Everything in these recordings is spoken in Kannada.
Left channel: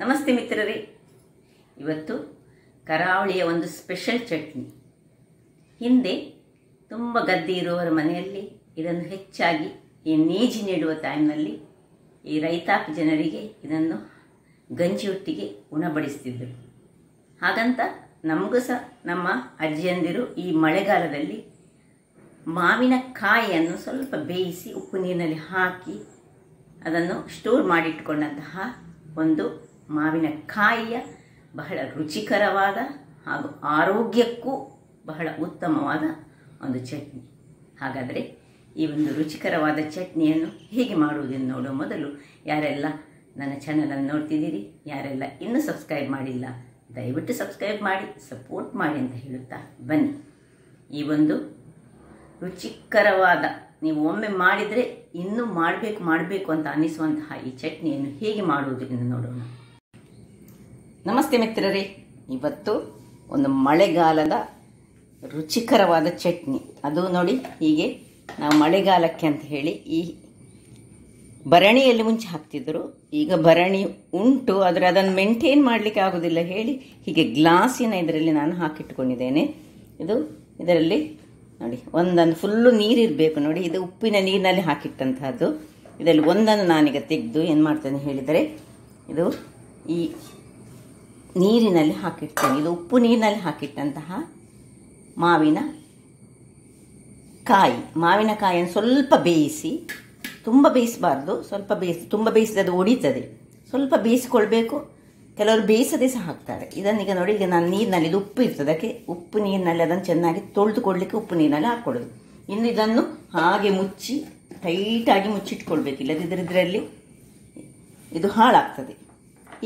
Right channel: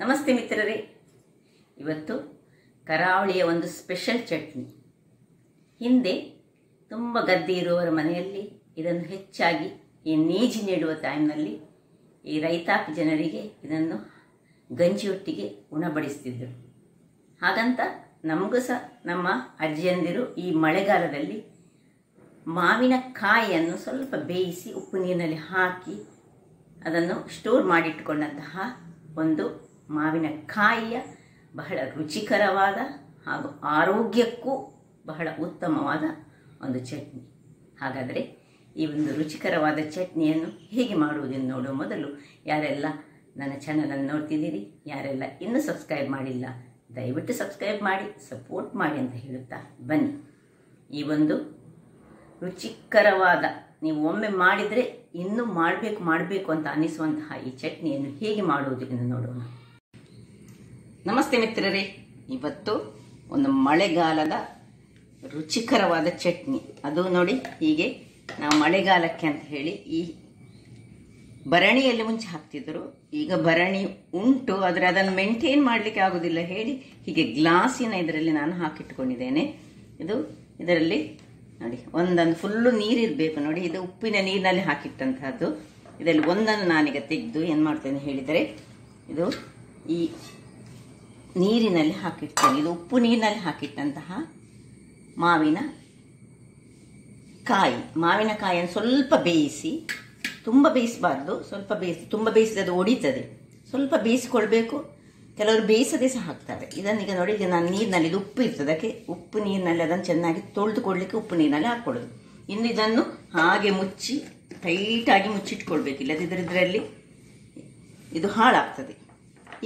ನಮಸ್ತೆ ಮಿತ್ರರೇ, ಇವತ್ತು ಕರಾವಳಿಯ ಒಂದು ಸ್ಪೆಷಲ್ ಚಟ್ನಿ. ಹಿಂದೆ ತುಂಬ ಗದ್ದೆ ಇರುವವರ ಮನೆಯಲ್ಲಿ ಇದನ್ನು ಹೆಚ್ಚಾಗಿ ಈ ನೀಜಿ ನೆಡುವ ಟೈಮ್ನಲ್ಲಿ ಈ ರೈತಾಪಿ ಜನರಿಗೆ ಇದನ್ನು ಗಂಜಿಯೊಟ್ಟಿಗೆ ಉಣಬಡಿಸ್ತಿದ್ದರು. ಹಾಗಂತ ನಮಗೂ ಸಹ ನಮ್ಮ ಅಜ್ಜಿಯಂದಿರು ಈ ಮಳೆಗಾಲದಲ್ಲಿ ಮಾವಿನಕಾಯಿಯನ್ನು ಸ್ವಲ್ಪ ಬೇಯಿಸಿ ಉಪ್ಪು ನೀರಿನಲ್ಲಿ ಹಾಕಿ ಅದನ್ನು ಸ್ಟೋರ್ ಮಾಡಿಟ್ಟುಕೊಂಡಂತಹ ಒಂದು ಮಾವಿನಕಾಯಿಯ ಬಹಳ ರುಚಿಕರವಾದ ಹಾಗೂ ಆರೋಗ್ಯಕ್ಕೂ ಬಹಳ ಉತ್ತಮವಾದ ಒಂದು ಚಟ್ನಿ. ಹಾಗಾದರೆ ಈ ಒಂದು ರುಚಿಕರವಾದ ಚಟ್ನಿಯನ್ನು ಹೇಗೆ ಮಾಡುವುದೆಂದು ನೋಡುವ ಮೊದಲು ಯಾರೆಲ್ಲ ನನ್ನ ಚಾನಲನ್ನು ನೋಡ್ತಿದ್ದೀರಿ, ಯಾರೆಲ್ಲ ಇನ್ನೂ ಸಬ್ಸ್ಕ್ರೈಬ್ ಮಾಡಿಲ್ಲ ದಯವಿಟ್ಟು ಸಬ್ಸ್ಕ್ರೈಬ್ ಮಾಡಿ ಸಪೋರ್ಟ್ ಮಾಡಿ ಅಂತ ಹೇಳುತ್ತಾ ಬನ್ನಿ. ಈ ಒಂದು ರುಚಿಕರವಾದ, ನೀವು ಒಮ್ಮೆ ಮಾಡಿದರೆ ಇನ್ನೂ ಮಾಡಬೇಕು ಅಂತ ಅನ್ನಿಸುವಂತಹ ಈ ಚಟ್ನಿಯನ್ನು ಹೇಗೆ ಮಾಡುವುದು ಎಂದು ನೋಡೋಣ. ನಮಸ್ತೆ ಮಿತ್ರರೇ, ಇವತ್ತು ಒಂದು ಮಳೆಗಾಲದ ರುಚಿಕರವಾದ ಚಟ್ನಿ. ಅದು ನೋಡಿ, ಹೀಗೆ ನಾವು ಮಳೆಗಾಲಕ್ಕೆ ಅಂತ ಹೇಳಿ ಈ ಭರಣಿಯಲ್ಲಿ ಮುಂಚೆ ಹಾಕ್ತಿದ್ರು. ಈಗ ಭರಣಿ ಉಂಟು, ಆದರೆ ಅದನ್ನು ಮೇಂಟೈನ್ ಮಾಡಲಿಕ್ಕೆ ಆಗೋದಿಲ್ಲ ಹೇಳಿ ಹೀಗೆ ಗ್ಲಾಸಿನ ಇದರಲ್ಲಿ ನಾನು ಹಾಕಿಟ್ಟುಕೊಂಡಿದ್ದೇನೆ. ಇದರಲ್ಲಿ ನೋಡಿ ಒಂದೊಂದು ಫುಲ್ಲು ನೀರಿರಬೇಕು ನೋಡಿ. ಇದು ಉಪ್ಪಿನ ನೀರಿನಲ್ಲಿ ಹಾಕಿಟ್ಟಂತಹದ್ದು. ಇದರಲ್ಲಿ ಒಂದನ್ನು ನಾನೀಗ ತೆಗೆದು ಏನು ಮಾಡ್ತೇನೆ ಹೇಳಿದರೆ, ಇದು ಈ ನೀರಿನಲ್ಲಿ ಹಾಕಿಡ್ತೇನೆ. ಇದು ಉಪ್ಪು ನೀರಿನಲ್ಲಿ ಹಾಕಿಟ್ಟಂತಹ ಮಾವಿನಕಾಯಿಯನ್ನು ಸ್ವಲ್ಪ ಬೇಯಿಸಿ, ತುಂಬ ಬೇಯಿಸಬಾರ್ದು, ಸ್ವಲ್ಪ ಬೇಯಿಸಿ. ತುಂಬ ಬೇಯಿಸಿದ್ರೆ ಅದು ಒಡಿತದೆ. ಸ್ವಲ್ಪ ಬೇಯಿಸಿಕೊಳ್ಬೇಕು. ಕೆಲವರು ಬೇಯಿಸದೆ ಸಹ ಹಾಕ್ತಾರೆ. ಇದನ್ನೀಗ ನೋಡಿ, ಈಗ ನಾನು ನೀರಿನಲ್ಲಿ, ಇದು ಉಪ್ಪು ಇರ್ತದೆ, ಅದಕ್ಕೆ ಉಪ್ಪು ನೀರಿನಲ್ಲಿ ಅದನ್ನು ಚೆನ್ನಾಗಿ ತೊಳೆದುಕೊಳ್ಳಲಿಕ್ಕೆ ಉಪ್ಪು ನೀರಿನಲ್ಲಿ ಹಾಕ್ಕೊಳ್ಳೋದು. ಇನ್ನು ಇದನ್ನು ಹಾಗೆ ಮುಚ್ಚಿ ಟೈಟಾಗಿ ಮುಚ್ಚಿಟ್ಕೊಳ್ಬೇಕು, ಇಲ್ಲದಿದ್ದರೆ ಇದರಲ್ಲಿ ಇದು ಹಾಳಾಗ್ತದೆ.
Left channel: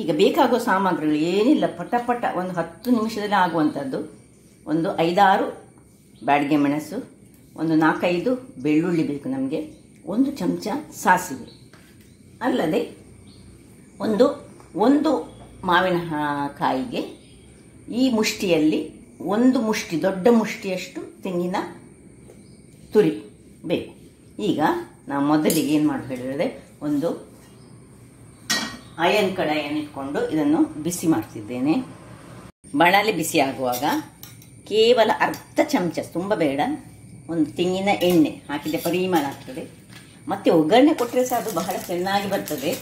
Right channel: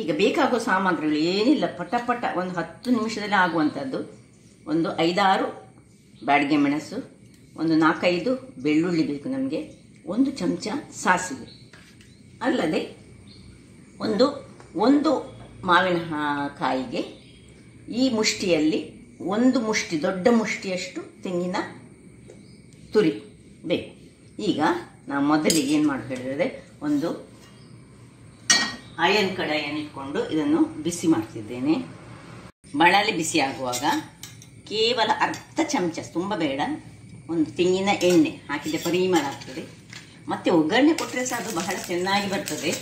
ಈಗ ಬೇಕಾಗುವ ಸಾಮಗ್ರಿಗಳು ಏನಿಲ್ಲ, ಪಟ ಒಂದು 10 ನಿಮಿಷದಲ್ಲಿ ಆಗುವಂಥದ್ದು. ಒಂದು 5-6 ಬ್ಯಾಡಗೆ ಮೆಣಸು, ಒಂದು 4-5 ಬೆಳ್ಳುಳ್ಳಿ ಬೇಕು ನಮಗೆ, 1 ಚಮಚ ಸಾಸಿವೆ, ಅಲ್ಲದೆ ಒಂದು ಮಾವಿನಕಾಯಿಗೆ ಈ ಮುಷ್ಟಿಯಲ್ಲಿ 1 ಮುಷ್ಟಿ, ದೊಡ್ಡ ಮುಷ್ಟಿಯಷ್ಟು ತೆಂಗಿನ ತುರಿ ಬೇಕು. ಈಗ ನಾವು ಮೊದಲಿಗೆ ಏನು ಮಾಡಿ ಹೇಳಿದರೆ, ಒಂದು ಅಯನ್ ಕಡಾಯಿಯನ್ನು ಇಟ್ಕೊಂಡು ಇದನ್ನು ಬಿಸಿ ಮಾಡ್ತಿದ್ದೇನೆ. ಬಾಣಲೆ ಬಿಸಿ ಆಗುವಾಗ ಕೇವಲ ಅರ್ಧ ಚಮಚ, ತುಂಬ ಬೇಡ, ಒಂದು ತೆಂಗಿನ ಎಣ್ಣೆ ಹಾಕಿದರೆ ಪರಿಮಳ ಆಗ್ತದೆ. ಮತ್ತೆ ಒಗ್ಗರಣೆ ಕೊಟ್ಟರೆ ಸಹ ಅದು ಬಹಳ ಚೆನ್ನಾಗಿ ಬರ್ತದೆ.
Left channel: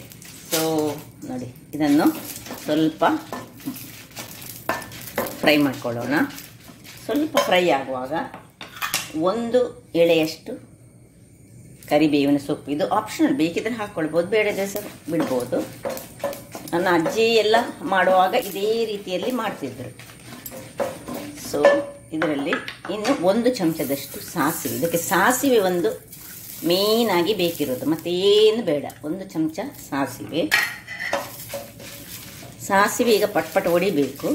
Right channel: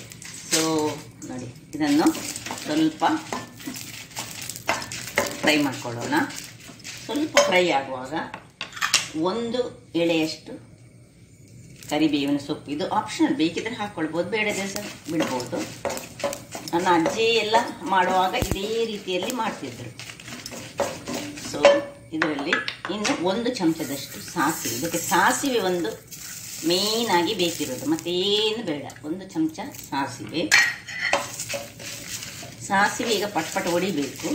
ಸೊ ನೋಡಿ, ಇದನ್ನು ಸ್ವಲ್ಪ ಫ್ರೈ ಮಾಡ್ಕೊಳ್ಳೋಣ. ಸ್ವಲ್ಪ ಫ್ರೈ ಆಗುವಾಗ 1 ಎಳೆಯಷ್ಟು ಕರಿಬೇವಿನ ಸೊಪ್ಪು. ಇದು ಆಪ್ಷನಲ್, ಬೇಕಿದ್ರೆ ಹಾಕ್ಕೊಳ್ಬೋದು, ಬೇಡದೇ ಸಹ ಬಿಡ್ಬೋದು. ನನ್ನ ಅಜ್ಜಿ ಎಲ್ಲ ಮಾಡುವಾಗ ಇದೇ ರೀತಿಯಲ್ಲಿ ಮಾಡ್ತಿದ್ರು. ಸೊ ಇದರಲ್ಲಿ ಇನ್ನು 1 ಚಮಚದಷ್ಟು ಸಾಸಿವೆ. ಇದಕ್ಕೆ ಸಾಸಿವೆ ಒಂದು ಮೇನ್ ಆಗಿ ಬೇಕಿರೋದು, ಮತ್ತೇನು ಬೇಡ. 1 ಚಮಚ ಸಾಸಿವೆ ಈಗ ಪಟ್ ಹೊಡಿಬೇಕು.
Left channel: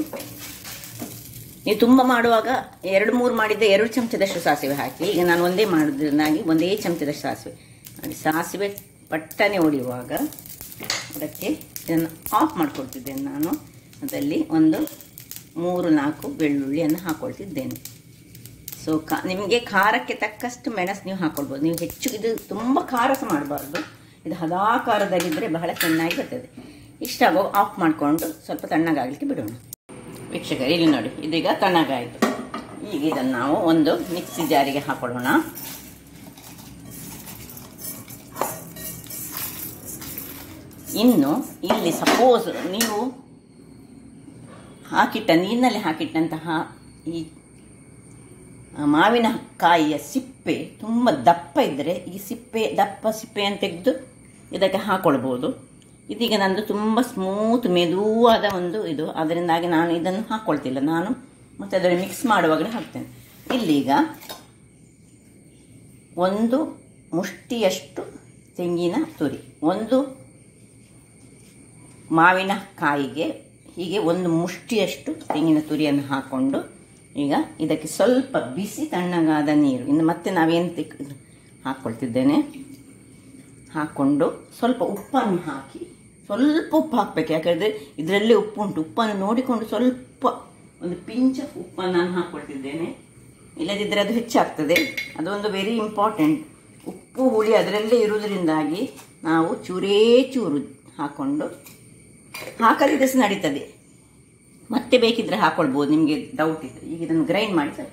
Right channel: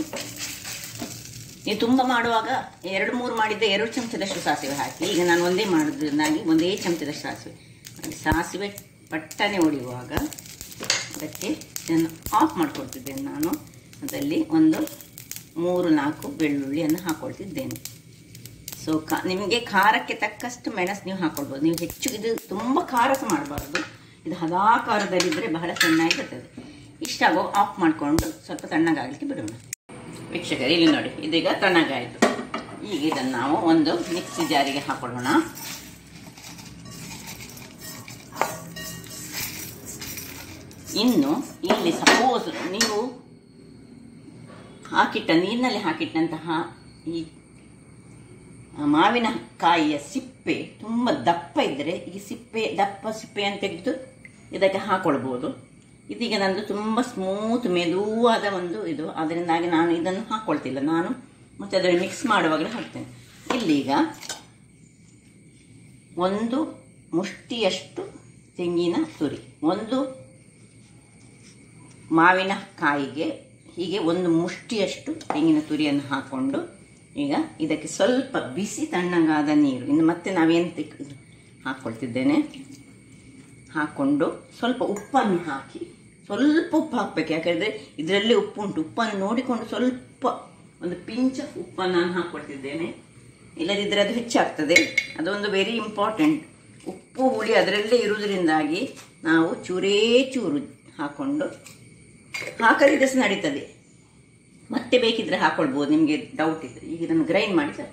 ನೀವು ತುಂಬ ಮಾಡುವಾಗ 2-3 ಮಾಡಿದ್ದೆ 2 ಚಮಚದಷ್ಟು ಸಾಸಿವೆ ಹಾಕಿ. ಈಗ ನಾನು ಒಂದೇ ಮಾಡಿದ್ರನ್ನಾಗಿ 1 ಚಮಚದಷ್ಟು ಸಾಸಿವೆ ಪಟ್ಟನೆ ಹೊಡೆಯುವಾಗ ಅದಕ್ಕೆ ಇದನ್ನು ಆಫ್ ಮಾಡ್ಕೊಳ್ತಿದ್ದೇನೆ ನಾನು. ಅದರಲ್ಲಿ ಒಂದು 3-4 ಬೆಳ್ಳುಳ್ಳಿಯನ್ನು ಹಾಕ್ಕೊಳ್ತಿದ್ದೇನೆ. ಸೊ ನಿಮಗೆ ಖಾರಕ್ಕೆ ತಕ್ಕಷ್ಟು ಮೆಣಸು ನೀವು ಹಾಕ್ಕೊಳ್ಬೋದು. ನೀವು ಹೆಚ್ಚು, ಇದು ತುಂಬ ಖಾರ ಸಹ ಮಾಡಬಾರ್ದು, ಇದು ಹದಾ ಖಾರದಲ್ಲಿದ್ದರೆ ಬಹಳ ಚೆನ್ನಾಗಿ ಬರ್ತದೆ. ಇಷ್ಟಾಗೋ ಆಫ್ ಮಾಡಿಕೊಂಡು ಸ್ವಲ್ಪ ತಣ್ಣಗಾಗಲಿಕ್ಕೆ ಬಿಡೋಣ. ವೀಕ್ಷಕರೇ, ಇಲ್ಲಿ ನೋಡಿ, ಇದೀಗ ತಣ್ಣಗಾಯಿತು. ಈಗ ಇದನ್ನು ನಾವು ಒಂದು ಮಿಕ್ಸಿ ಜಾರಿಗೆ ಹಾಕೊಳ್ಳೋಣ. ಇನ್ನು ಇಲ್ಲಿ ಸಪೋಸ್ ನೀವು ನೀರಿನಲ್ಲಿ ಹಾಕಿಟ್ಟಂತಹ ಈ ಮಾವಿನಕಾಯಿಯ ಸಿಪ್ಪೆ ತುಂಬ ದಪ್ಪ ಇದ್ದರೆ ಈ ದಪ್ಪ ಸಿಪ್ಪೆಯನ್ನು ತೆಗೆದು ಇದಕ್ಕೆ ಹಾಕೊಳ್ಬೋದು. ಇದೀಗ ನಂದು ತುಂಬ ಸ್ಮೂತ್ ಮೆದುವಾದ ಒಂದು ಇದು, ಅದರಿಂದಾಗಿ ನಾನು ಇದನ್ನು ಹಾಕ್ಕೊಳ್ತಿಲ್ಲ. ನಾನು ಮತ್ತೆ ಅದನ್ನು ಮಿಕ್ಸ್ ಮಾಡುವಾಗಲೇ ಹಾಕ್ತೇನೆ. ಇಲ್ಲೀಗ 1 ಮುಷ್ಟಿಯಷ್ಟು ತೆಂಗಿನ ತುರಿ, 1 ಮಾವಿನಕಾಯಿಗೆ ಹೀಗೆ 1 ಮುಷ್ಟಿಯಷ್ಟು ತೆಂಗಿನ ತುರಿಯನ್ನು ಹಾಕ್ಕೊಂಡು ಈಗ ಇದಕ್ಕೆ ಸ್ವಲ್ಪ ಬಿಸಿ ತಣ್ಣಗಾದ ನೀರು, ಇನ್ನು ಮತ್ತೆ ನಾವೇನು ಹಾಕ್ಕೊಳ್ತಿದ್ದೇನೆ, ಹಾಕ್ಕೊಂಡು ಸ್ವಲ್ಪ ಉಪ್ಪನ್ನು ಹಾಕಿ, ಸ್ವಲ್ಪ ಉಪ್ಪು ಹಾಕಬೇಕು. ಯಾಕಂದರೆ ಇದರಲ್ಲೇ ಉಪ್ಪು ಉಂಟು. ಉಪ್ಪನ್ನು ನೋಡಿಕೊಂಡು ಸ್ವಲ್ಪ ಒಂದು ಪಿಂಚ್ ಆಫ್ ಉಪ್ಪನ್ನು ನಾನು ಹಾಕ್ಕೊಳ್ತಿದ್ದೇನೆ, ಇಲ್ಲದಿದ್ದರೆ ಅದು ಹೆಚ್ಚಾಗ್ತದೆ. ಅದೊಂದು ವೆರಿ ಇಂಪಾರ್ಟೆಂಟ್. ಉಪ್ಪು ಹುಳಿ ಅದರಲ್ಲೇ ಇರುವುದರಿಂದಾಗಿ ನಾವು ಚೂರೇ ಚೂರು ಹಾಕ್ಕೊಂಡು ಹಾಕದಿದ್ರೆ ಸಹ ನಡೀತದೆ, ಮತ್ತೆ ಬೇಕಿದ್ರೆ ಹಾಕೊಳ್ಬೋದು ನಿಮಗೆ ಡೌಟ್ ಇದ್ರೆ. ಈಗ ಇದನ್ನು ಗ್ರೈಂಡ್ ಮಾಡಿ ಸರ್.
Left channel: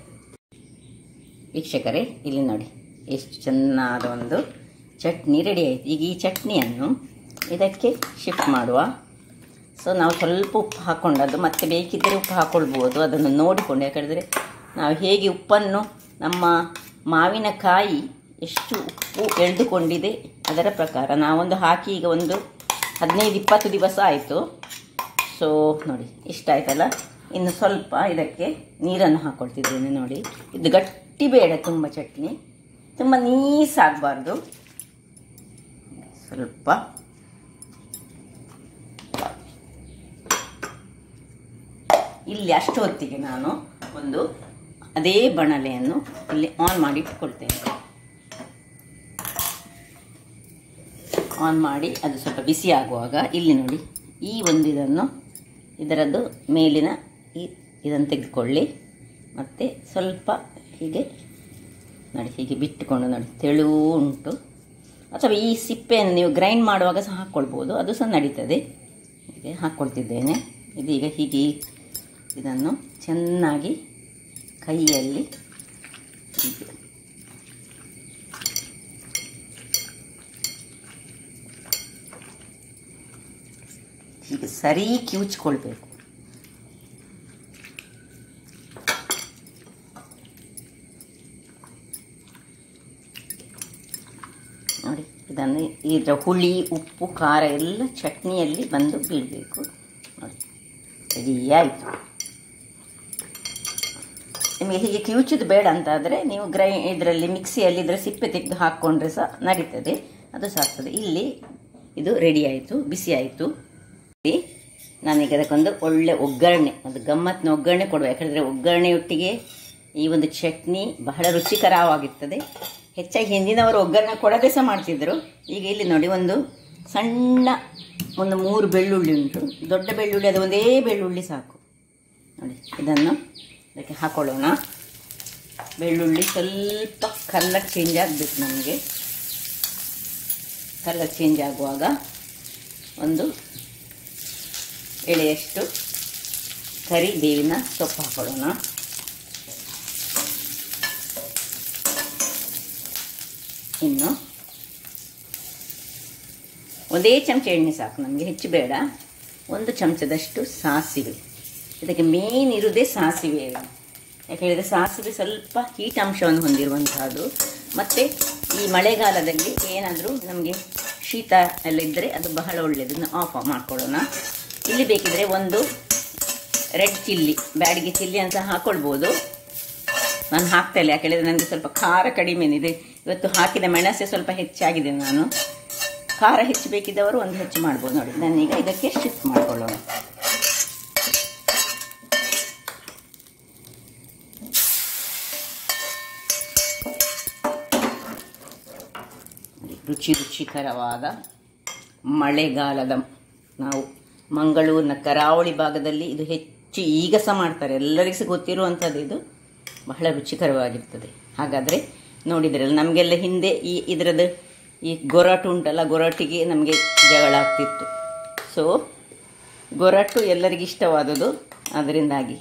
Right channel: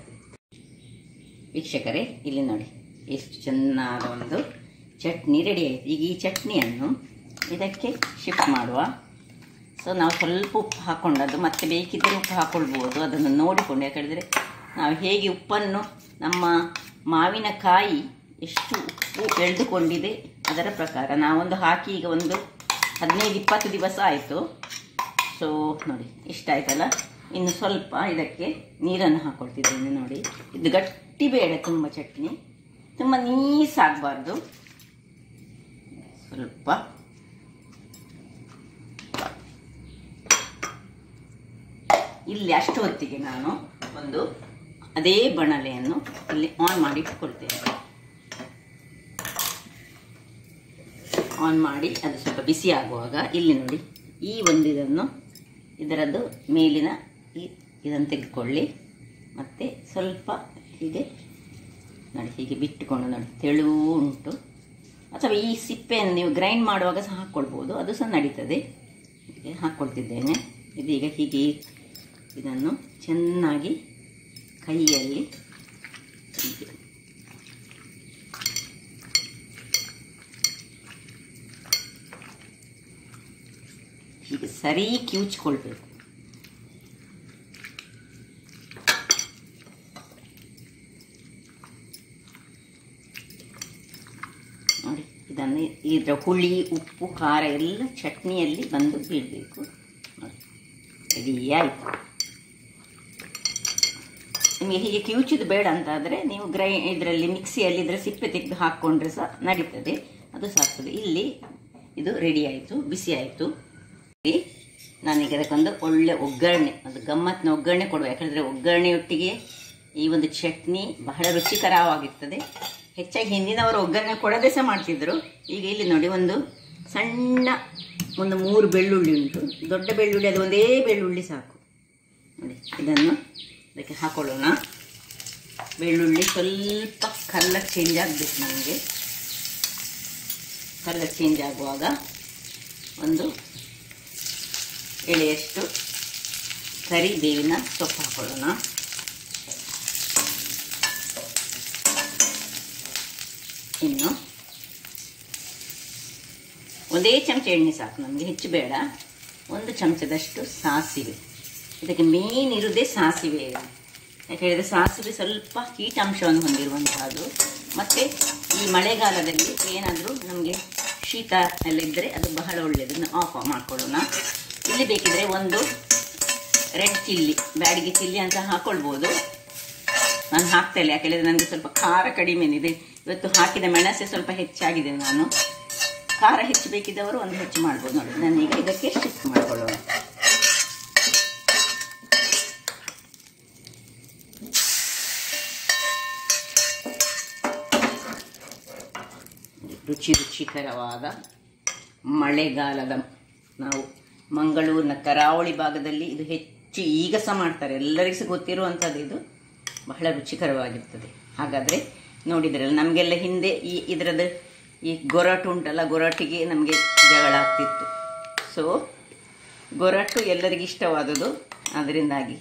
ವೀಕ್ಷಕರೇ, ಇಲ್ಲಿ ನೋಡಿ ಎಷ್ಟು ಚೆನ್ನಾದ ಒಂದು ಚಟ್ನಿ ರೆಡಿ ಆಯಿತು. ಈಗ ಈ ಚಟ್ನಿಯನ್ನು ಇದಕ್ಕೆ ಶಿಫ್ಟ್ ಮಾಡುವ. ಸೊ ನಾವು ಸ್ವಲ್ಪ ಉಪ್ಪು ಹಾಕ್ಕೊಂಡದ್ದು, ಮತ್ತೆ ಬೇಕಿದ್ದರೆ ಉಪ್ಪು ಹಾಕ್ಕೊಳ್ಬೋದು, ಅದನ್ನು ನೋಡಿಕೊಂಡು. ಯಾಕಂದರೆ ನಾವು ಹೇಗೆ ಉಪ್ಪನ್ನು ನಮ್ಮ ಮಾವಿನಕಾಯಿ ಎಷ್ಟು ಉಪ್ಪು ಎಳೆದುಕೊಂಡಿದೆ ಅದರ ಪ್ರಕಾರ ನಾವೊಂದು ಹಾಕಿ ಈಗ ಒಂದು 15-20 ದಿವಸ ಆಯಿತು. ಸೊ ನೋಡಿ ಇಷ್ಟ ಆಯ್ತಲ್ಲ. ಇನ್ನು ಸ್ವಲ್ಪ ಇದಕ್ಕೆ ನೀರನ್ನು ಹಾಕ್ಕೊಳ್ತಿದ್ದೇನೆ. ನೋಡಿ, ಇದು ಗಟ್ಟಿ ಬೇಡ, ತುಂಬ ಚಟ್ನಿ ತುಂಬ ನೀಸಾಗಬಾರ್ದು. ಸ್ವಲ್ಪ ಇಲ್ಲಿ ಅಷ್ಟು ಹೊತ್ತಿಗೆ ನಾನು ಒಂದು ಅದೇ ಬಾಣಲೆಯನ್ನು ಇಲ್ಲಿ ಆನ್ ಮಾಡಿ ಇಟ್ಕೊಳ್ತೇನೆ. ಆನ್ ಮಾಡಿ ಅದು ಸ್ವಲ್ಪ ಬಿಸಿ ಆಗುವಾಗ ಇಲ್ಲಿ ನೋಡಿ ಈ ಒಂದು ಇದರದ್ದು ಮೇಲಿನ ಇದನ್ನು ತೆಗೆದುಕೊಳ್ಳಿ. ಮತ್ತು ಸ್ವಲ್ಪ ಹೀಗೆ ನೋಡಿ, ಹೀಗೆ ಬಿಟ್ಟುಕೊಂಡು ನೋಡಿ, ತೆಳು ಉಂಟು. ಅಥವಾ ಈ ಸಿಪ್ಪೆಯನ್ನು ನೀವು ಗ್ರೈಂಡ್ ಮಾಡುವಾಗ ಸಹ ಹಾಕ್ಕೊಳ್ಬೋದು, ಅದು ಸಹ ನಡೀತದೆ. ಹೀಗೆ ಹಾಕ್ಕೊಳ್ತಿದ್ದೇನೆ. ಇದೀಗ ಹೀಗೆ ಇದನ್ನು ಚೆನ್ನಾಗಿ ಕೈಯಲ್ಲಿ ಹೀಗೆ ಸರಿ ಕಿವುಚ್ಕೊಳ್ಬೇಕು. ನೋಡಿ, ಇದನ್ನು ಇದರ ಹುಳಿ ಉಪ್ಪು ಖಾರ ಎಲ್ಲ ಚಟ್ನಿಯಲ್ಲಿ ಬಂದು ಬೀಳಬೇಕು. ನೋಡಿ, ರೆಡಿ ಆಯಿತು. ನಿಮಗೆ ಹೀಗೆ ಕಿವುಚುದು ಬೇಡ ಅಂತಾದರೆ ನೀವು ಇದರಲ್ಲಿ ಮಿಕ್ಸಿಯಲ್ಲಿ ಇದರ ಸಿಪ್ಪೆ ತೆಗೆದು ಹಾಕ್ಕೊಂಡ್ರೆ ಸಹ ನಡೀತದೆ, ಅದು ಸಹ ಆಗ್ತದೆ. ಇಲ್ಲಿ ಇದು ರೆಡಿ ಆಯಿತು, ಬಿಸಿ ಆಯಿತು. ನಾನೀಗ ಅದಕ್ಕೊಂದು ಒಳ್ಳೆ ಒಗ್ಗರಣೆ, ಒಂದು ಗಮ್ಮತ್ತಿನ ಒಗ್ಗರಣೆ ಕೊಡುವ. ಯಾಕಂದರೆ ಒಗ್ಗರಣೆಯೊಟ್ಟಿಗೆ ಈ ಒಂದು ಚಟ್ನಿ ಬಹಳ ರುಚಿಕರವಾಗಿರ್ತದೆ. ಹೆಚ್ಚಾಗಿ ಹಿಂದಿನವರು ಒಗ್ಗರಣೆ ಕೊಡದೆ ಸಹ ಮಾಡ್ತಿದ್ರು. ಈಗ ಇಲ್ಲಿ ನೋಡಿ, ಒಂದು ಸಣ್ಣ 3 ಬೆಳ್ಳುಳ್ಳಿ ಉಂಟು, ದೊಡ್ಡ ಬೆಳ್ಳುಳ್ಳಿ, ಅದು ಒಂದೇ ಬೆಳ್ಳುಳ್ಳಿ ಸಾಕು. ನೋಡಿ, ಇದನ್ನು ಅದಕ್ಕೆ ಹಾಕೊಳ್ಳೋಣ. ಬೆಳ್ಳುಳ್ಳಿ ಸ್ವಲ್ಪ ಕಲರ್ ಚೇಂಜ್ ಆಗಬೇಕು ನಮಗೆ. ಕಲರ್ ಚೇಂಜ್ ಆಗುವಾಗ ಒಂದು ಎಳೆಯಷ್ಟು ಕರಿಬೇವಿನ ಸೊಪ್ಪು ಹಾಕೊಳ್ಳೋಣ. ಇನ್ನು ಒಂದೇ ಚಮಚ ಎಣ್ಣೆ ಸಾಕು ನಮಗೆ, ಹೆಚ್ಚು ಬೇಡ. 1 ಚಮಚದಷ್ಟು ಸಾಸಿವೆ. ಇದಕ್ಕೆ ಮೇನ್ ಇರುವುದೇ ಸಾಸಿವೆ. ಯಾಕೆ ಹೇಳಿದರೆ ಸಾಸಿವೆ ಸ್ವಲ್ಪ ಹೀಟ್ ಅಂಶವನ್ನು ಹೊಂದಿರುವಂತಹದ್ದು. ಮತ್ತು ಈ ಮಳೆಗಾಲದಲ್ಲಿ ಏನಾದರೂ ನಮಗೆ ಶೀತ ಎಲ್ಲ ಇದ್ದರೆ ಅದು ಬಹಳ ಒಳ್ಳೆಯದು. ಆಫ್ ಮಾಡ್ಕೊಳ್ಳೋಣ. ಇಲ್ಲಿ ಬೇಕಿದ್ರೆ ಒಂದು ರೆಡ್ ಚಿಲ್ಲಿ, ಬ್ಯಾಡಿಗೆ ಚಿಲ್ಲಿ ಅಂತ ಹಾಕೊಳ್ಬೋದು. ನಾನು ಹಾಕ್ತಾ ಇಲ್ಲ, ಯಾಕೆ ಹೇಳಿದರೆ ನನಗೆ ಸ್ವಲ್ಪ ಖಾರ ಕಡಿಮೆ ಇದೆ. ಇವತ್ತು ಹಾಕಿದ ಮೆಣಸೆ ಸ್ವಲ್ಪ ಹೆಚ್ಚಾಗಿದೆ. ನಾನು ಖಾರ ಹೆಚ್ಚು ಬೇಕಿದ್ದವರು ಒಂದು ಹೆಚ್ಚು ಮಾಡ್ಬೋದು. ನೋಡಿ, ನಾನೀಗ ಇದಕ್ಕೆ ಶಿಫ್ಟ್ ಮಾಡಿಕೊಳ್ಳೋಣ. ರುಚಿಕರವಾದ ಮಳೆಗಾಲದ, ನಾವು ಮಂಗಳೂರಿನ ಕರಾವಳಿ ಭಾಗದಲ್ಲಿ ಇದು ಹೆಚ್ಚು ಈಗ ಸಹ ಮಾಡ್ತಾರೆ, ಎಲ್ಲರಿಗೂ ಸಹ ಗೊತ್ತಿರುವಂಥದ್ದು. ಇದು ಬಹಳ ರುಚಿಕರವಾಗಿರ್ತದೆ. ಹಾಗಾದರೆ ನೋಡಿದ್ರಲ್ಲ, ನಮಗೆಲ್ಲ ಹಿಂದೆ ಇದರದ್ದು ಈ ಗೊರಟು ಉಂಟಲ್ಲ, ಗೊರಟಿಗೆ ನಮಗೆ ಜಗಳ ಆಗ್ತಿತ್ತು. ಸೊ ಗೊರಟು ಎಲ್ಲರಿಗೂ ಇಷ್ಟವಾದದ್ದು, ಅದರಿಂದಾಗಿ.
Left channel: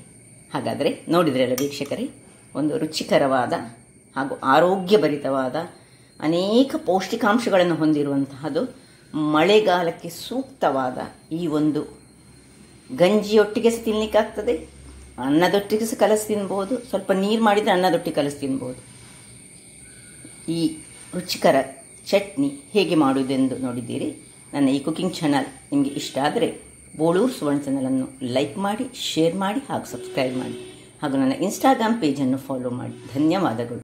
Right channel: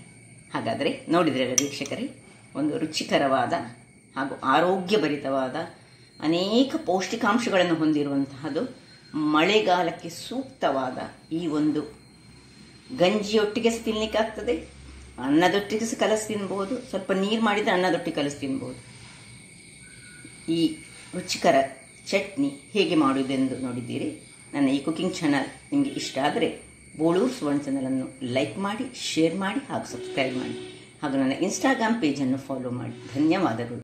ಹಾಗಾದರೆ ನೋಡಿದ್ರಲ್ಲ ವೀಕ್ಷಕರೇ, ಒಂದು ರುಚಿಕರವಾದ ಹಾಗೂ ಆರೋಗ್ಯಭರಿತವಾದ ಅನೇಕ ಪೌಷ್ಟಿಕಾಂಶಗಳನ್ನು ಹೊಂದಿರುವಂತಹದ್ದು, ಮಳೆಗಾಲಕ್ಕೆ ಸೂಕ್ತವಾದ ಈ ಒಂದು ಗಂಜಿಯೊಟ್ಟಿಗೆ ಸಹ ತಿನ್ನಲಿಕ್ಕಾಗ್ತದೆ, ಅನ್ನದೊಟ್ಟಿಗೆ ಸಹ ಕಲಸಿ ತಿನ್ಬೋದು. ಸ್ವಲ್ಪ ನೀರು ಮಾಡಿದರೆ ಅನ್ನದೊಟ್ಟಿಗೆ ಕಲಸಿ ತಿನ್ಬೋದು. ಈ ರುಚಿಕರ ಚಟ್ನಿ ಹೇಗೆ ಮಾಡುವುದೆಂದು ನೋಡಿದ್ದೀರಿ. ನನ್ನ ಈ ಕುಕಿಂಗ್ ಚಾನಲ್ ನಿಮಗೆ ಇಷ್ಟ ಆದರೆ ಬೋಳೂರು ಸುವರ್ಣ ಚಾನಲನ್ನು ಲೈಕ್ ಮಾಡಿ, ಶೇರ್ ಮಾಡಿ ಹಾಗೂ ಸಬ್ಸ್ಕ್ರೈಬ್ ಮಾಡಿ. ಹಾಗೂ ನನ್ನ ಇನ್ಸ್ಟಾಗ್ರಾಮ್ ಪೇಜನ್ನು ಫಾಲೋ ಮಾಡಿ. ಧನ್ಯವಾದಗಳು.